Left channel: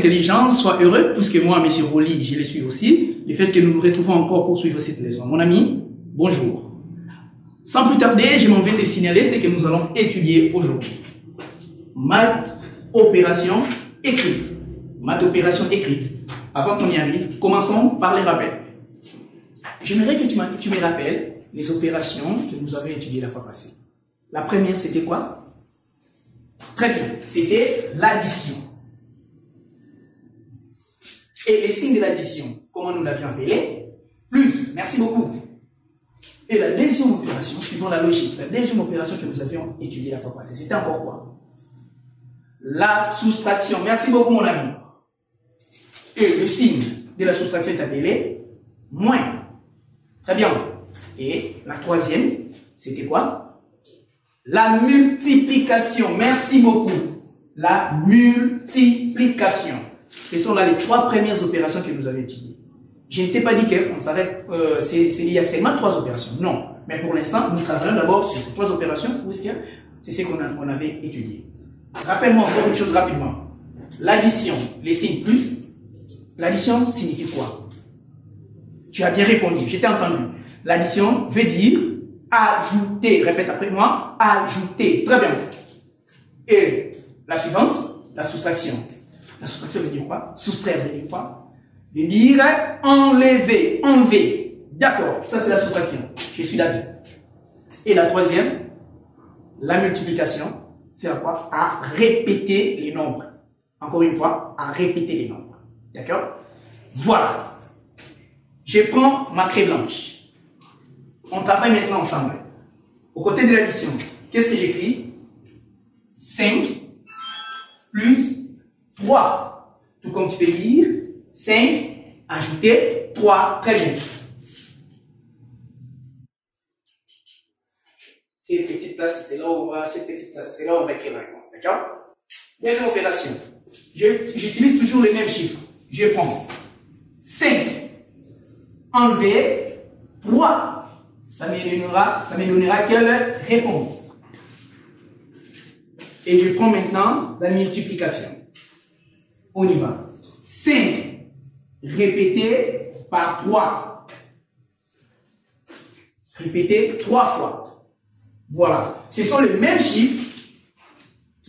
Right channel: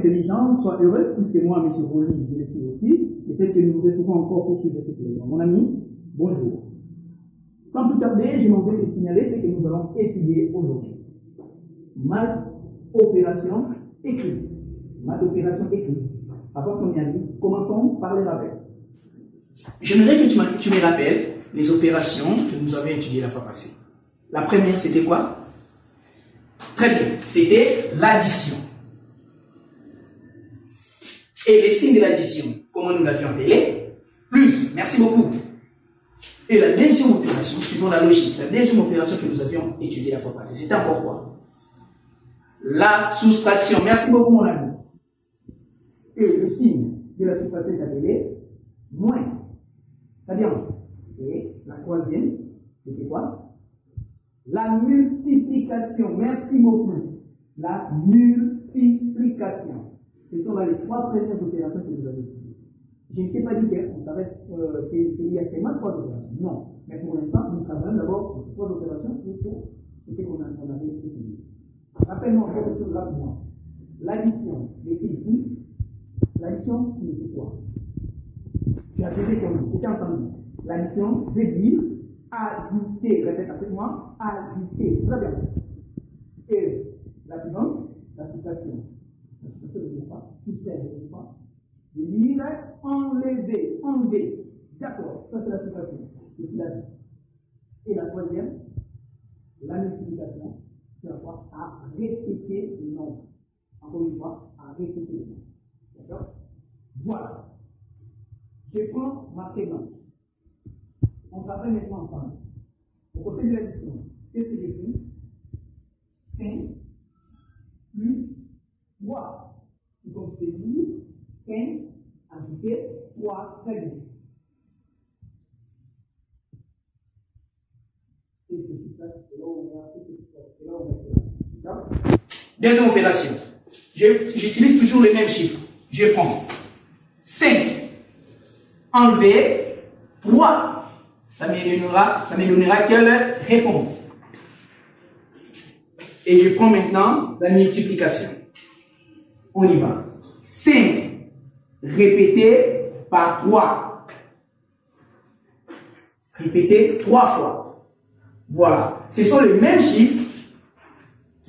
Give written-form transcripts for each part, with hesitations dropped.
intelligence, sois heureux, puisque moi, M. Roli, je le suis aussi. Le fait que nous nous retrouvons encore pour suivre cette leçon. Mon ami, bonjour. Sans plus tarder, je m'en vais te signaler ce que nous allons étudier aujourd'hui. Maths, opération écrite. Maths, opération écrite. Avant qu'on y arrive, commençons par les rappels. J'aimerais que tu me rappelles les opérations que nous avions étudiées la fois passée. La première, c'était quoi? Très bien, c'était l'addition. Et les signes de l'addition, comment nous l'avions appelé? Plus, merci beaucoup. Et la deuxième opération, suivant la logique, la deuxième opération que nous avions étudiée la fois passée, c'était encore quoi? La soustraction. Merci beaucoup, mon ami. Et le signe de la soustraction est appelé moins. Très bien. Et la troisième, c'était quoi? La multiplication. Merci beaucoup. La multiplication. Ce sont là les trois premières opérations que nous avons étudiées. Je ne t'ai pas dit qu'on s'arrête, il y a seulement trois opérations. Non. Mais pour l'instant, nous travaillons d'abord sur ces trois opérations, puisque c'est ce qu'on avait étudié. Rappelle-moi encore une chose rapidement. L'addition, les signes plus. L'addition signifie quoi? Tu as bien répondu, je t'ai entendu. L'addition veut dire ajouter. Répète après moi, ajouter. Très bien. Et la suivante, la soustraction. La soustraction veut dire quoi? Soustraire veut dire quoi? Veut dire enlever, enlever. D'accord, ça c'est la soustraction. Je suis d'accord. Et la troisième, la multiplication, c'est à quoi? À répéter les nombres. Encore une fois, à répéter les nombres. D'accord? Voilà. Je prends ma craie blanche. On travaille maintenant ensemble. Au côté de l'addition, qu'est-ce que j'écris? 5 plus 3. Tout comme tu peux dire, 5 ajouter 3. Très bien. Cette petite place, c'est là où on va, cette petite place, c'est là où on va écrire la réponse. D'accord? Deuxième opération. J'utilise toujours les mêmes chiffres. Je prends 5 enlever 3. Ça me donnera quelle réponse? Et je prends maintenant la multiplication. On y va. 5 répété par 3. Répété 3 fois. Voilà. Ce sont les mêmes chiffres,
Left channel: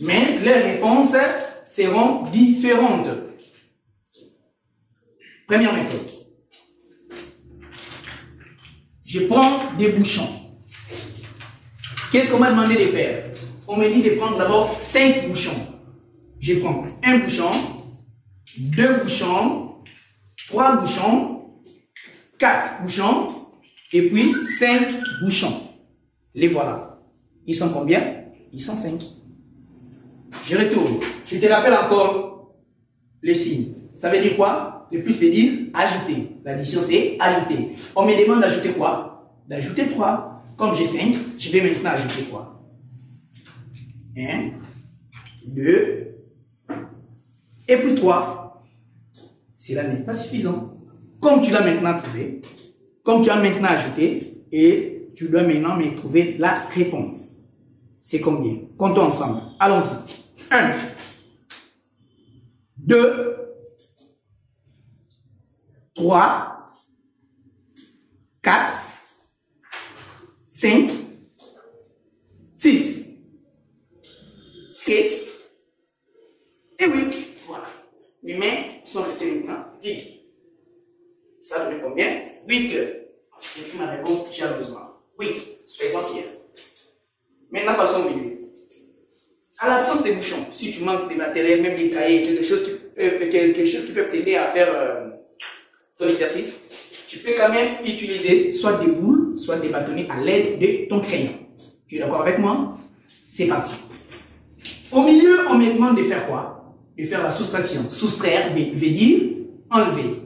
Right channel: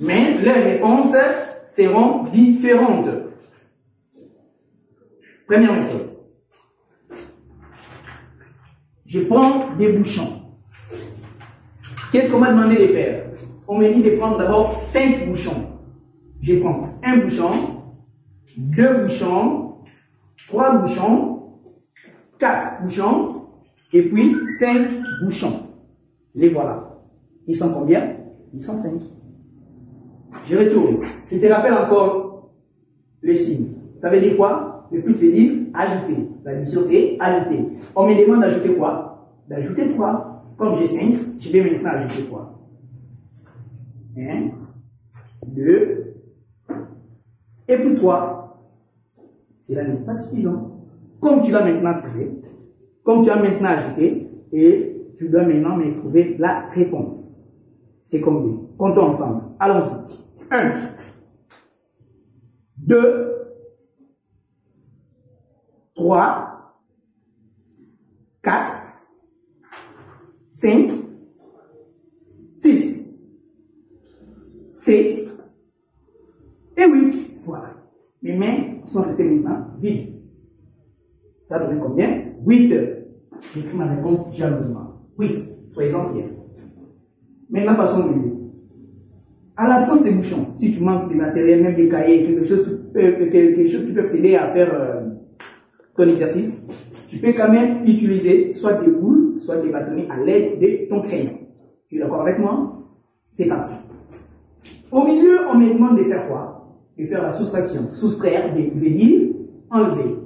mais les réponses seront différentes. Première méthode. Je prends des bouchons. Qu'est-ce qu'on m'a demandé de faire? On me dit de prendre d'abord 5 bouchons. Je prends un bouchon, 2 bouchons, 3 bouchons, 4 bouchons, et puis 5 bouchons. Les voilà. Ils sont combien? Ils sont 5. Je retourne. Je te rappelle encore les signes. Ça veut dire quoi? Le plus veut dire ajouter. L'addition, c'est ajouter. On me demande d'ajouter quoi? D'ajouter 3. Comme j'ai 5, je vais maintenant ajouter 3. 1, 2, et puis 3. Cela n'est pas suffisant. Comme tu l'as maintenant trouvé, comme tu as maintenant ajouté, et tu dois maintenant me trouver la réponse. C'est combien? Comptons ensemble. Allons-y. 1, 2, 3, 4, 5, 6, 7 et 8. Voilà. Mes mains sont restées maintenant vides. Ça donne combien? 8 heures. J'écris ma réponse jalousement. 8. Soyez-en fiers. Maintenant, passons au milieu. À l'absence des bouchons, si tu manques de matériel, même des cahiers, quelque chose qui peut t'aider à faire ton exercice, tu peux quand même utiliser soit des boules, soit des bâtonnets à l'aide de ton crayon. Tu es d'accord avec moi? C'est parti. Au milieu, on me demande de faire quoi? De faire la soustraction. Soustraire veut dire enlever.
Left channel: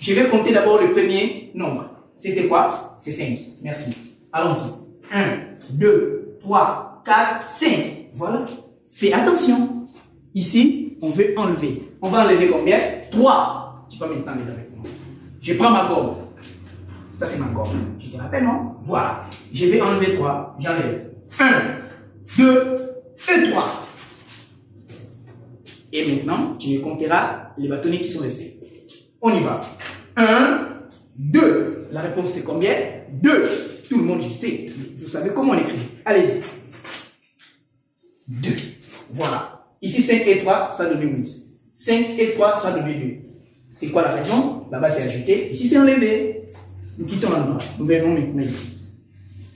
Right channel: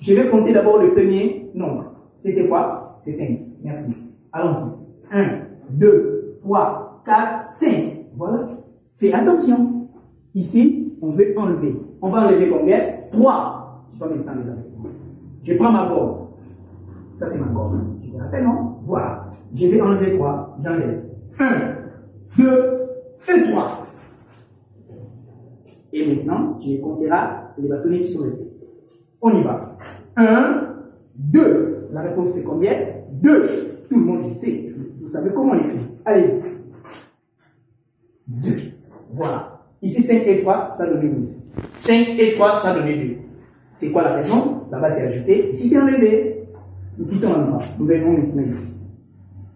Je vais compter d'abord le premier nombre. C'était quoi? C'est 5. Merci. Allons-y. 1, 2, 3, 4, 5. Voilà. Fais attention. Ici, on veut enlever. On va enlever combien? 3. Tu vas maintenant les avec moi. Je prends ma gomme. Ça, c'est ma gomme. Tu te rappelles, non? Voilà. Je vais enlever 3. J'enlève. 1, 2 et 3. Et maintenant, tu compteras les bâtonnets qui sont restés. On y va. 1, 2. La réponse c'est combien? 2. Tout le monde, je sais. Vous savez comment on écrit. Allez-y. 2. Voilà. Ici, 5 et 3, ça donne 8. 5 et 3, ça donne 2. C'est quoi la raison? Là-bas, c'est ajouté. Ici, c'est enlevé. Nous quittons l'endroit. Nous venons maintenant ici.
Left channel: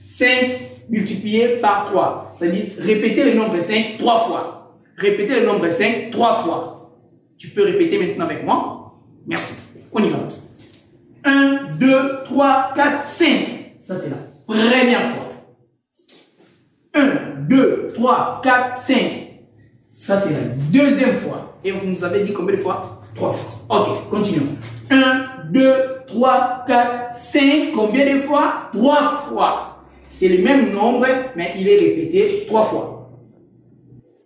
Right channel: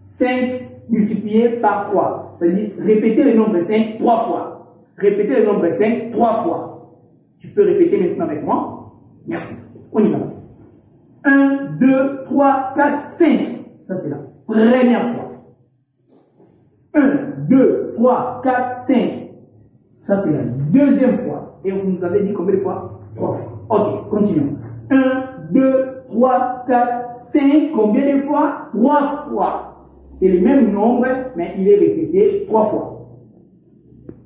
5 multiplié par 3. C'est-à-dire, répéter le nombre 5 3 fois. Répéter le nombre 5 3 fois. Tu peux répéter maintenant avec moi. Merci. On y va. 1, 2, 3, 4, 5. Ça, c'est la première fois. 1, 2, 3, 4, 5. Ça, c'est la deuxième fois. Et vous nous avez dit combien de fois? 3 fois. Ok, continuons. 1, 2, 3, 4, 5. Combien de fois? 3 fois. C'est le même nombre, mais il est répété 3 fois.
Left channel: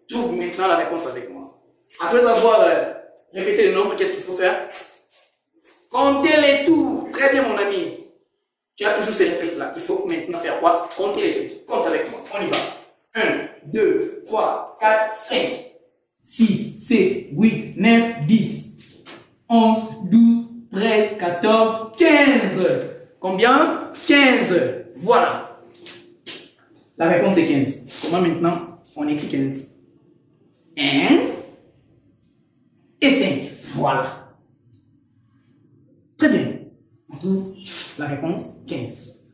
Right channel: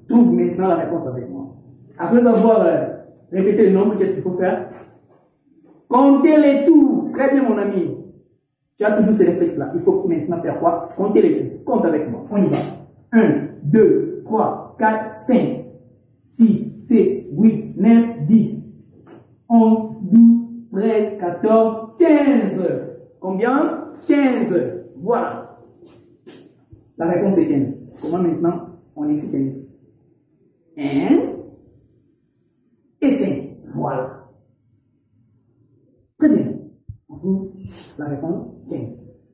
Trouve maintenant la réponse avec moi. Après avoir répété le nombre, qu'est-ce qu'il faut faire? Comptez les tours. Très bien, mon ami. Tu as toujours ces réflexes-là. Il faut maintenant faire quoi? Comptez les tours. Compte avec moi. On y va. 1, 2, 3, 4, 5, 6, 7, 8, 9, 10, 11, 12, 13, 14, 15. Combien? 15. Voilà. La réponse est 15. Comment maintenant on écrit 15? 1 et 5. Voilà. Très bien. On trouve la réponse 15.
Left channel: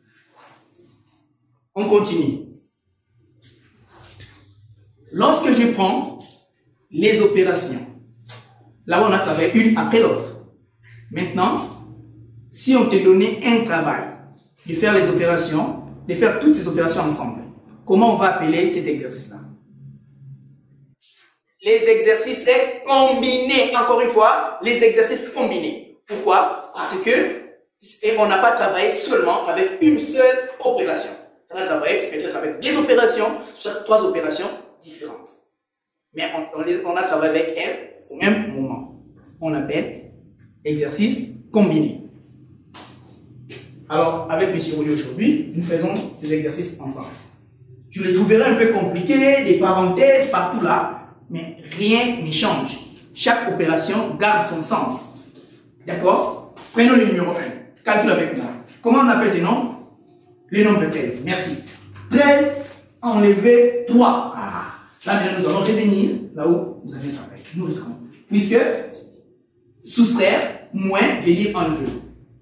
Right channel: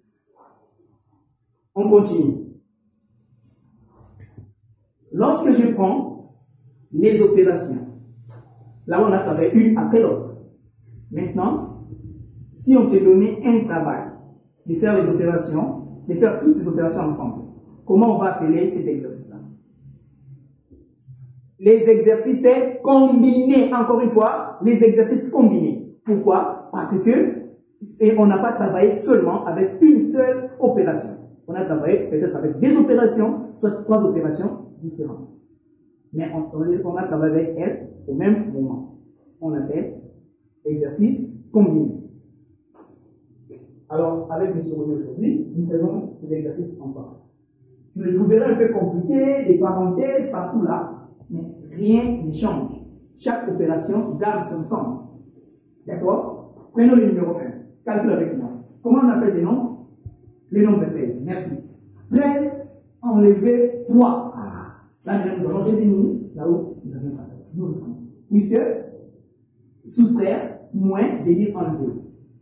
On continue. Lorsque je prends les opérations, là on a travaillé une après l'autre. Maintenant, si on te donnait un travail de faire les opérations, de faire toutes ces opérations ensemble, comment on va appeler cet exercice-là? Les exercices combinés. Encore une fois, les exercices combinés. Pourquoi? Parce que on n'a pas travaillé seulement avec une seule opération. On a travaillé peut-être avec des opérations, soit 3 opérations différentes. Mais on a travaillé avec elles au même moment. On appelle exercice combiné. Alors, avec M. Rouillé aujourd'hui, nous faisons ces exercices ensemble. Tu les trouveras un peu compliqués, des parenthèses partout là, mais rien ne change. Chaque opération garde son sens. D'accord? Prenons le numéro 1. Calcule avec moi. Comment on appelle ces nombres? Le nombre 13. Merci. 13 enlever 3. Ah, là maintenant nous allons revenir là où nous avions travaillé. Nous risquons. Puisque soustraire, moins, veut dire enlever.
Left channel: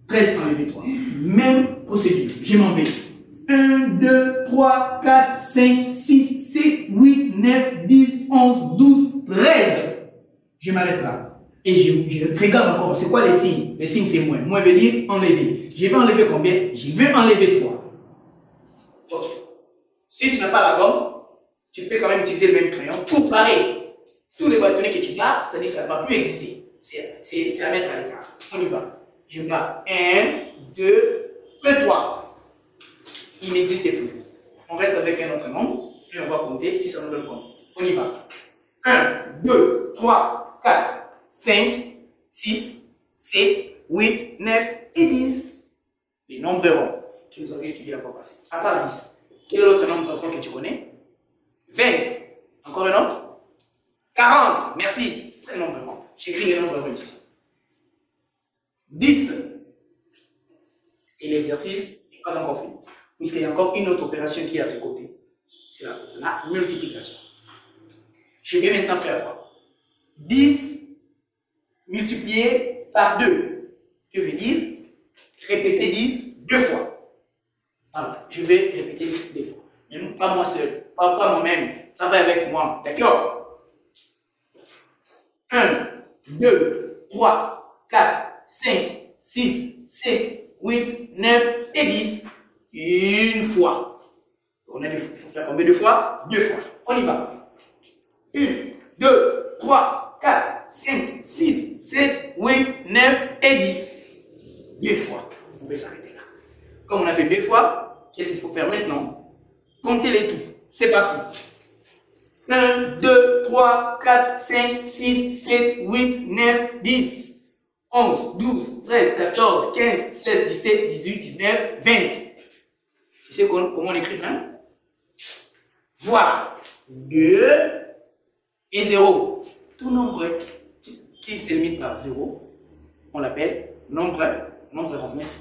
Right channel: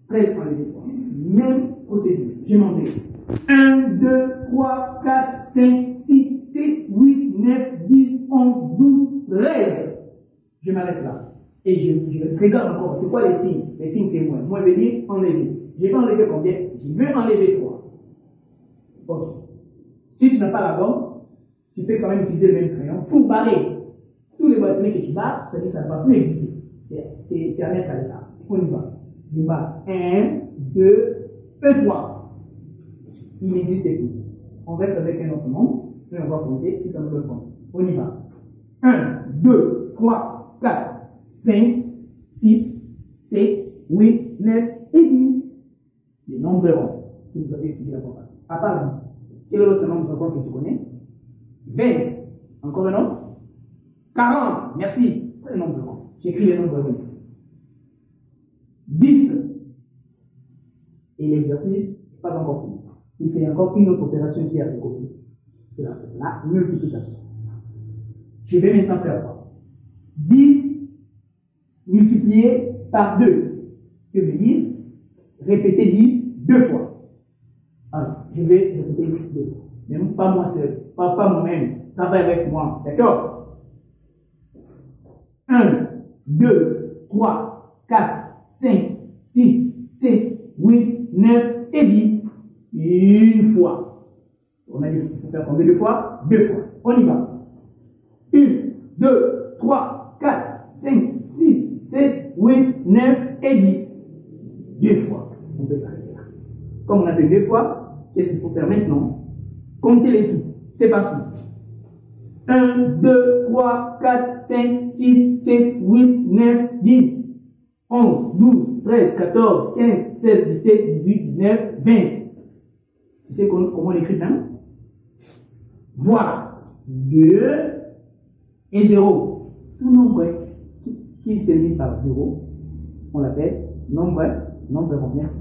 13 enlever 3. Même procédure. Je m'en vais. 1, 2, 3, 4, 5, 6, 7, 8, 9, 10, 11, 12, 13. Je m'arrête là. Et je regarde encore. C'est quoi les signes? Les signes, c'est moins. Moins veut dire enlever. Je vais enlever combien? Je vais enlever 3. Ok. Si tu n'as pas la gomme, tu peux quand même utiliser le même crayon pour barrer tous les bâtonnets que tu barres, c'est-à-dire que ça ne va plus exister. C'est à mettre à l'écart. On y va. Je barre 1, 2 et 3. Il n'existe plus. On reste avec un autre nombre et on va compter si ça nous donne compte. On y va. 1, 2, 3, 4, 5, 6, 7, 8, 9 et 10. Les nombres ronds que nous avions étudiés la fois passée. À part 10. Quel est l'autre nombre rond que tu connais? 20. Encore un autre? 40. Merci. C'est le nombre rond. J'écris les nombres ronds ici. 10. Et l'exercice n'est pas encore fini. Puisqu'il y a encore une autre opération qui est à ce côté. C'est la multiplication. Je vais maintenant faire quoi? 10 multiplié par 2. Je veux dire répéter 10 2 fois. Alors, je vais répéter 10 2 fois. Mais pas moi seul, pas moi-même. Travaille avec moi. D'accord? 1, 2, 3, 4, 5, 6, 7, 8, 9 et 10. Une fois. Il faut faire combien de fois? 2 fois. On y va. 1, 2, 3, 4, 5, 6, 7, 8, 9 et 10. 2 fois. On peut s'arrêter là. Comme on a fait 2 fois, qu'est-ce qu'il faut faire maintenant? Comptez les tout. C'est parti. 1, 2, 3, 4, 5, 6, 7, 8, 9, 10, 11, 12, 13, 14, 15, 16, 17, 18, 19, 20. Tu sais comment on écrit 20? Voilà. 2 et 0. Tout nombre qui se limite par 0, on l'appelle nombre rond. Merci.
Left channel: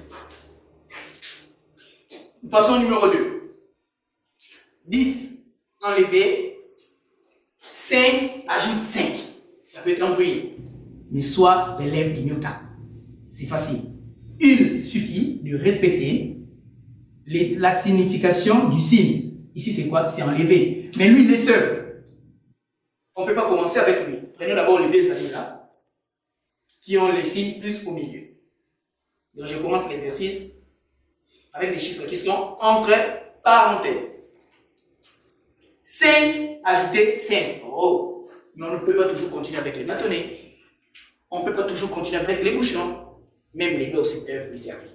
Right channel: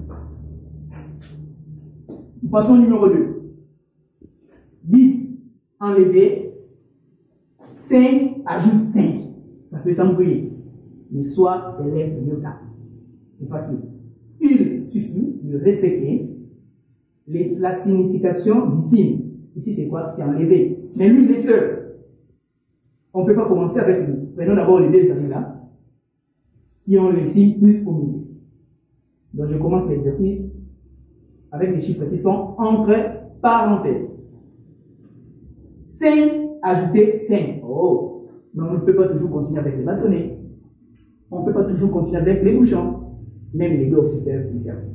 Passons au numéro 2. 10 enlevé 5 ajoute 5. Ça peut être embrouillé, mais soit l'élève d'iota. C'est facile. Il suffit de respecter la signification du signe. Ici, c'est quoi? C'est enlevé. Mais lui, il est seul. On ne peut pas commencer avec lui. Prenons d'abord les deux amis-là, qui ont les signes plus au milieu. Donc, je commence l'exercice avec des chiffres qui sont entre parenthèses. 5 ajouter 5. Oh! Mais on ne peut pas toujours continuer avec les bâtonnets. On ne peut pas toujours continuer avec les bouchons. Même les deux aussi peuvent me servir.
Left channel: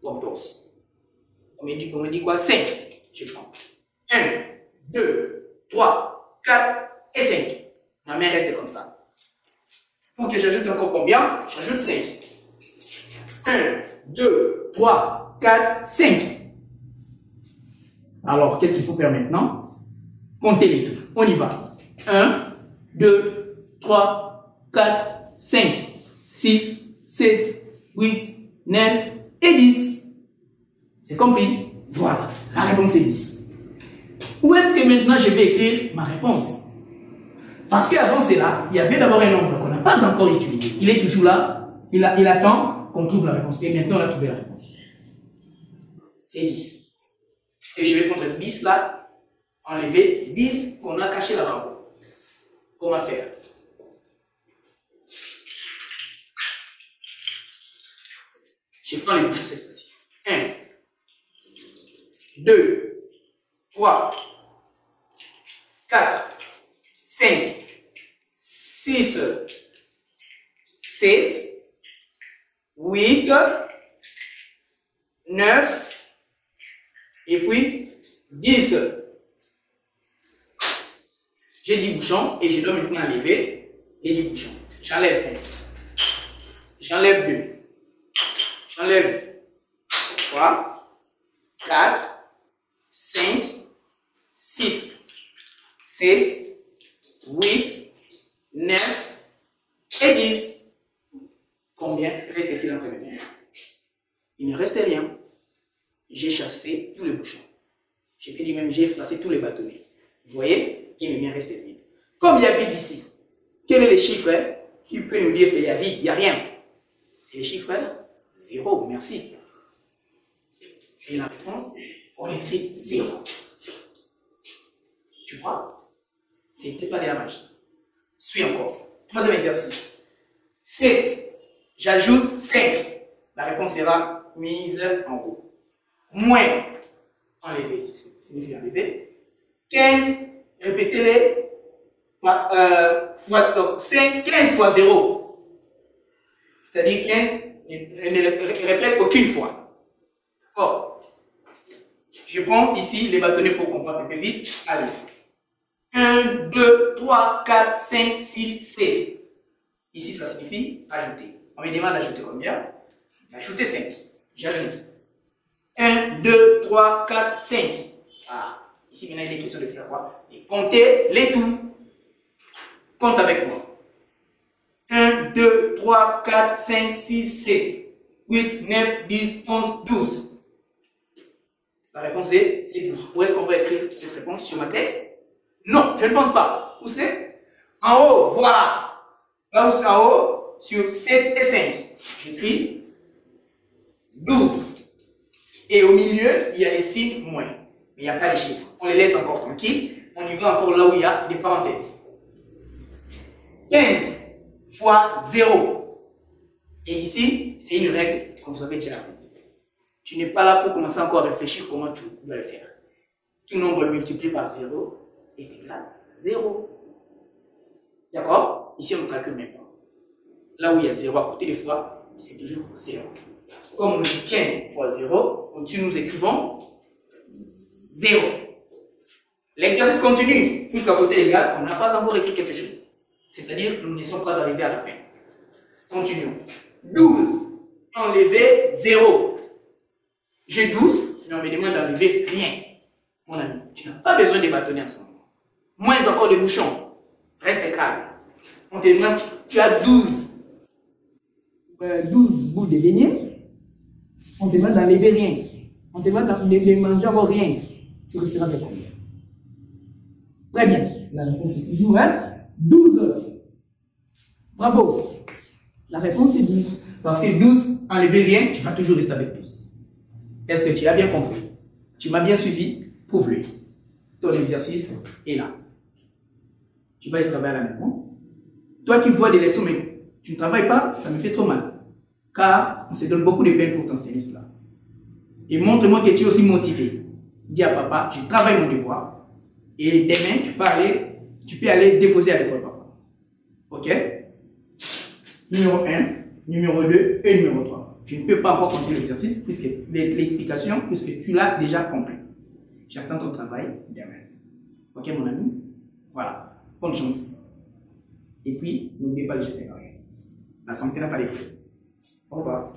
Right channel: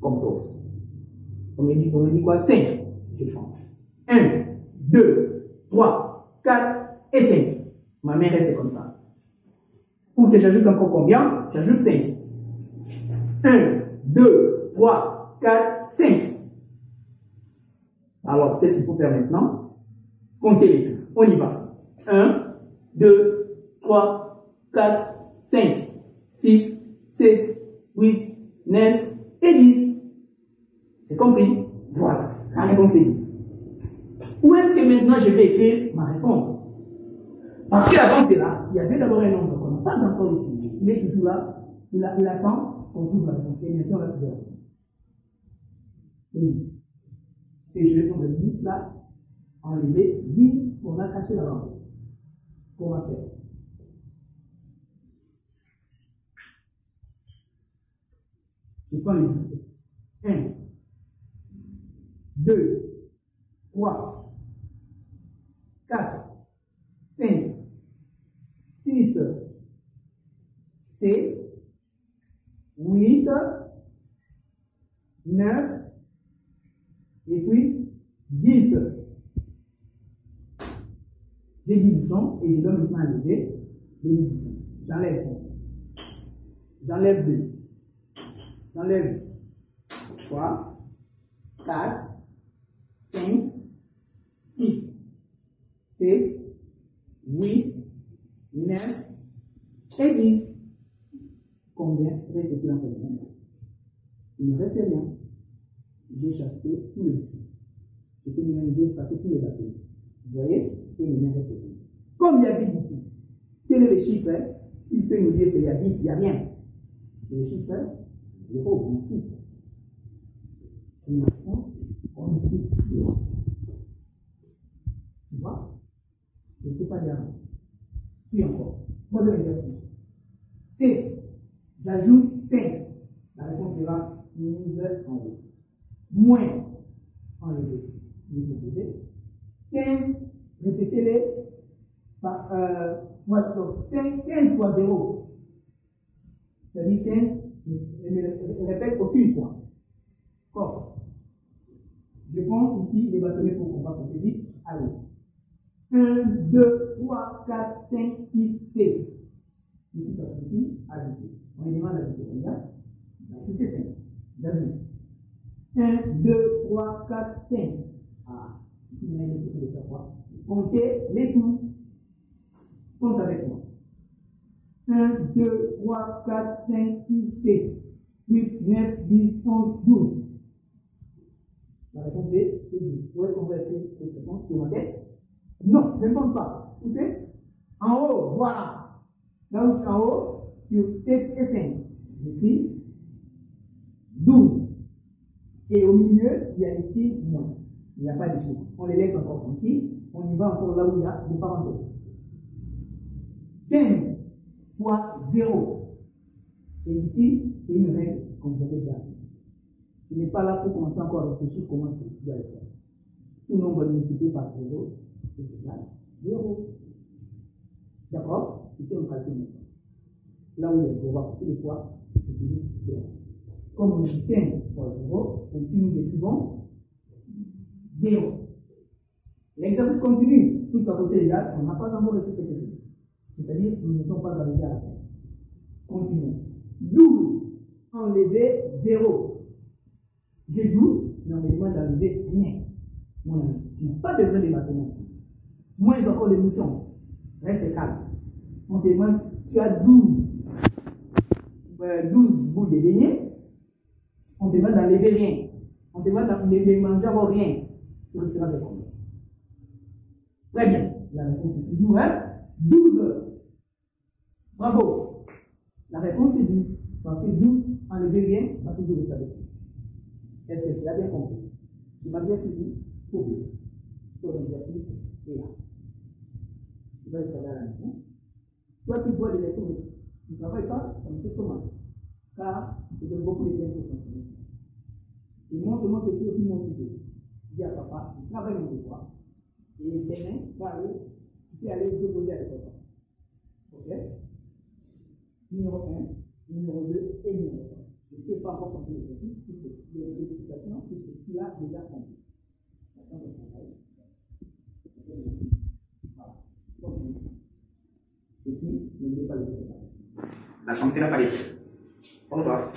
Comme toi aussi. On me dit quoi? 5. Je prends. 1, 2, 3, 4 et 5. Ma main reste comme ça. Pour que j'ajoute encore combien? J'ajoute 5. 1, 2, 3, 4, 5. Alors, qu'est-ce qu'il faut faire maintenant? Comptez les tout. On y va. 1, 2, 3, 4, 5, 6, 7, 8, 9 et 10. C'est compris? Voilà. La réponse est 10. Où est-ce que maintenant je vais écrire ma réponse? Parce qu'avant cela, il y avait d'abord un nombre qu'on n'a pas encore utilisé. Il est toujours là. Il attend qu'on trouve la réponse. Et maintenant, on a trouvé la réponse. C'est 10. Et je vais prendre le 10 là, enlever 10 qu'on a caché là-bas. Comment faire? Je prends les bouchons cette fois-ci. 1, 2, 3, 4, 5, 6, 7, 8, 9, et puis 10. J'ai 10 bouchons et je dois maintenant enlever les 10 bouchons. J'enlève 1. J'enlève 2. J'enlève 3, 4, 5, 6, 7, 8, 9 et 10. Combien reste-t-il entre les mains? Il ne reste rien. J'ai chassé tous les bouchons. J'ai pu dire même j'ai effacé tous les bâtonnets. Vous voyez, il ne me reste vide. Comme il y a vide ici, quel est le chiffre qui peut nous dire qu'il y a vide? Il n'y a rien. C'est le chiffre 0. Merci. Et la réponse, on écrit 0. Tu vois? C'était pas de la magie. Suis encore. Troisième exercice. 7. J'ajoute 5. La réponse sera mise en haut. Moins, enlever, signifie enlever. 15, répétez-les. Donc 5, 15 fois 0. C'est-à-dire 15, ne répète aucune fois. D'accord? Je prends ici les bâtonnets pour comprendre un peu vite. Allez. 1, 2, 3, 4, 5, 6, 7. Ici, ça signifie ajouter. On me demande d'ajouter combien? Ajouter 5. J'ajoute. 1, 2, 3, 4, 5. Ah, ici maintenant il est question de faire quoi? Et compter les tout. Compte avec moi. 1, 2, 3, 4, 5, 6, 7, 8, 9, 10, 11, 12. La réponse est 12. Où est-ce qu'on va écrire cette réponse? Sur ma texte? Non, je ne pense pas. Où c'est? En haut, voilà. Là où c'est en haut, sur 7 et 5. J'écris 12. Et au milieu, il y a les signes moins. Mais il n'y a pas les chiffres. On les laisse encore tranquilles. On y va encore là où il y a des parenthèses. 15 fois 0. Et ici, c'est une règle que vous avez déjà apprise. Tu n'es pas là pour commencer encore à réfléchir comment tu dois le faire. Tout nombre multiplié par 0 est égal à 0. D'accord? Ici, on calcule maintenant. Là où il y a 0 à côté des fois, c'est toujours 0. Comme on dit 15 fois 0, au-dessus nous écrivons 0. L'exercice continue. Puisqu'à côté légal, on n'a pas encore écrit quelque chose. C'est-à-dire, nous ne sommes pas arrivés à la fin. Continuons. 12 enlever 0. J'ai 12, mais on me demande d'enlever rien. Mon ami, tu n'as pas besoin de bâtonnets ensemble. Moins encore de bouchons. Reste calme. On te demande, tu as 12 boules de beignets. On te demande d'enlever rien. On te demande de manger encore rien. Tu resteras avec combien? Très bien. La réponse est toujours 12. Bravo. La réponse est 12. Parce que 12, enlever rien, tu vas toujours rester avec 12. Est-ce que tu as bien compris? Tu m'as bien suivi? Prouve-le. Ton exercice est là. Tu vas aller travailler à la maison. Toi qui vois des leçons, mais tu ne travailles pas, ça me fait trop mal. Car on se donne beaucoup de peine pour t'enseigner cela. Et montre-moi que tu es aussi motivé. Dis à papa, je travaille mon devoir. Et demain, tu peux aller déposer à l'école, papa. Ok? Numéro 1, numéro 2 et numéro 3. Tu ne peux pas encore continuer l'exercice, puisque l'explication, puisque tu l'as déjà compris. J'attends ton travail demain. Ok, mon ami? Voilà. Bonne chance. Et puis, n'oubliez pas les gestes barrières. La santé n'a pas les prix. Au revoir.